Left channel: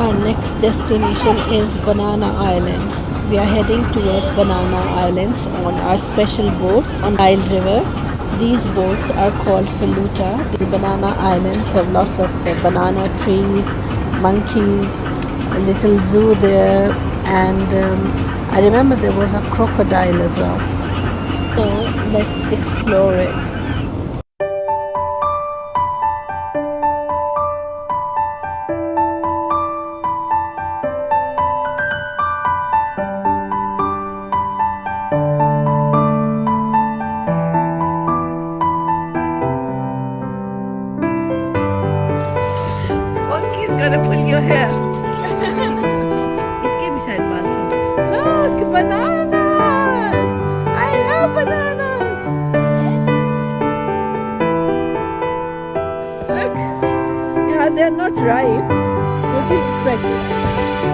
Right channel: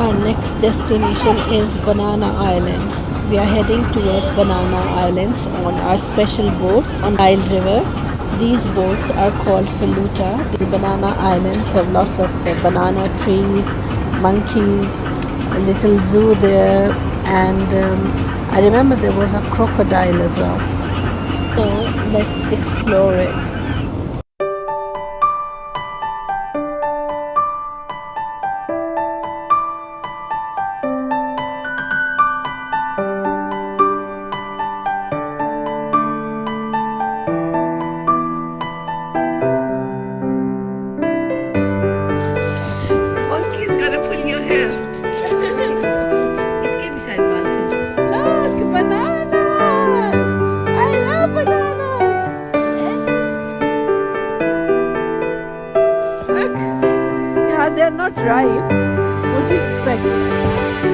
Our next destination is Banana Islands. We are heading towards Banana Islands on our special boats on Nile River. These boats are called Floata. The Banana Islands have lots of banana trees, monkeys, a little zoo there, and I remember there was a crocodile as well. So let's explore it. Monkey's gonna pull your hair. इसके भी शायद बाल थे. Look, bananas! I love bananas. Look, yeah, they're not ripe. What do you expect?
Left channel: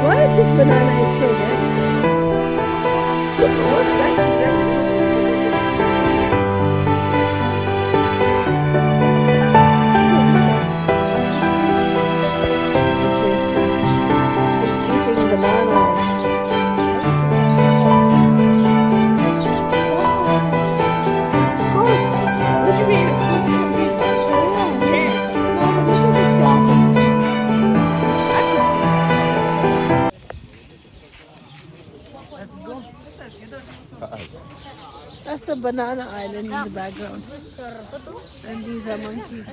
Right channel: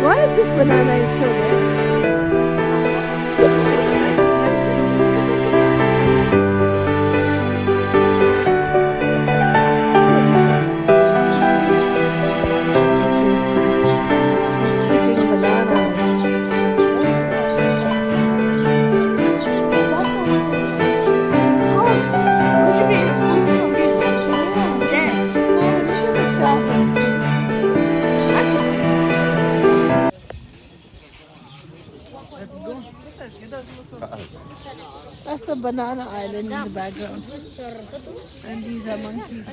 Why this banana is so good? That's the banana island in the background. And these are monkeys.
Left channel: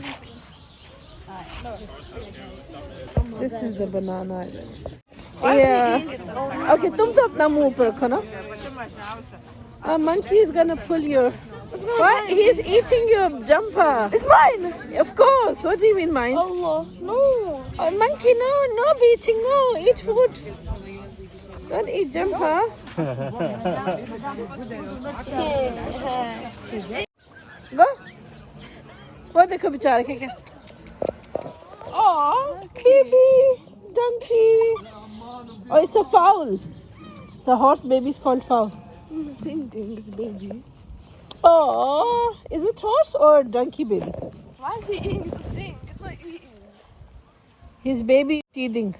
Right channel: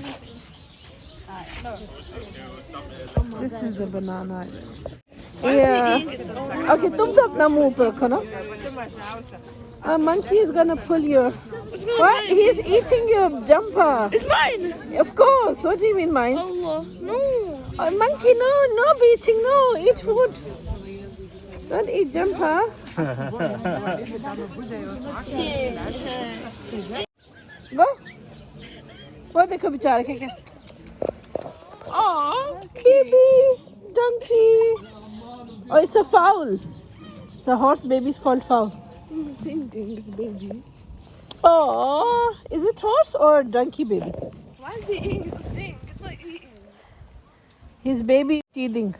This is the banana island. Why is he eating its own? Okay, तुम तो अपना मुंह ऊपर रखो ना. A monkey is gonna pull your. What? He's eating your jumper. It's mine. Of course. What do you mean mine? Allah, no. A monkey, no, no beating, no. Eat food. Don't eat jumper. Go. What देखो बेचारे के. Oh, baby, donkey. Oh, it's a fowl. It's a horse baby is called fowl. Same thing as baby. Oh, is it horse or donkey baby? Why is he eating the thing? It's not eating. His baby is teething.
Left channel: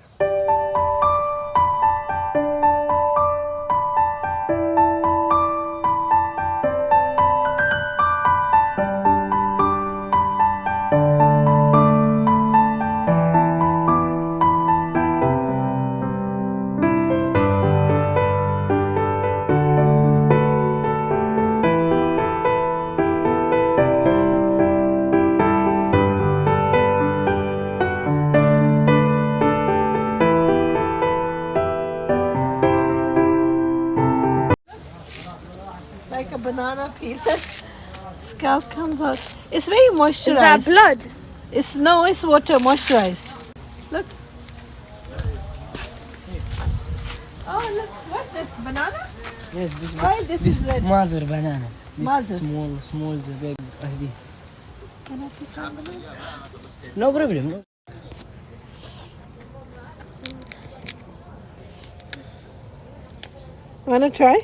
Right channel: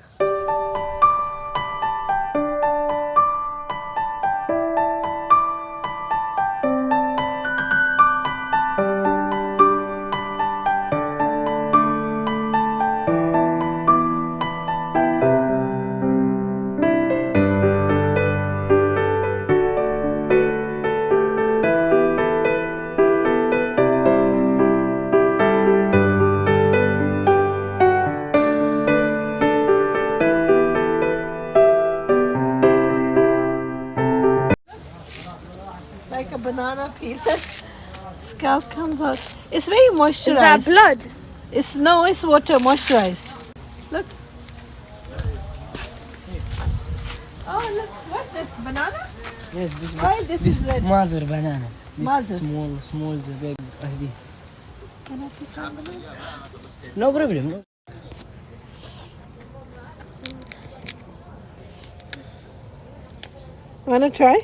Like a banana peel. Scalp comes out. It's very moisturized. Is that blood? It's water moisturized. Look. Oh look, what's this? Banana? Yes, Why this is red? mother banana. This Mother. small, the big like this. Can I pick some banana? No problem. No. Wanna try?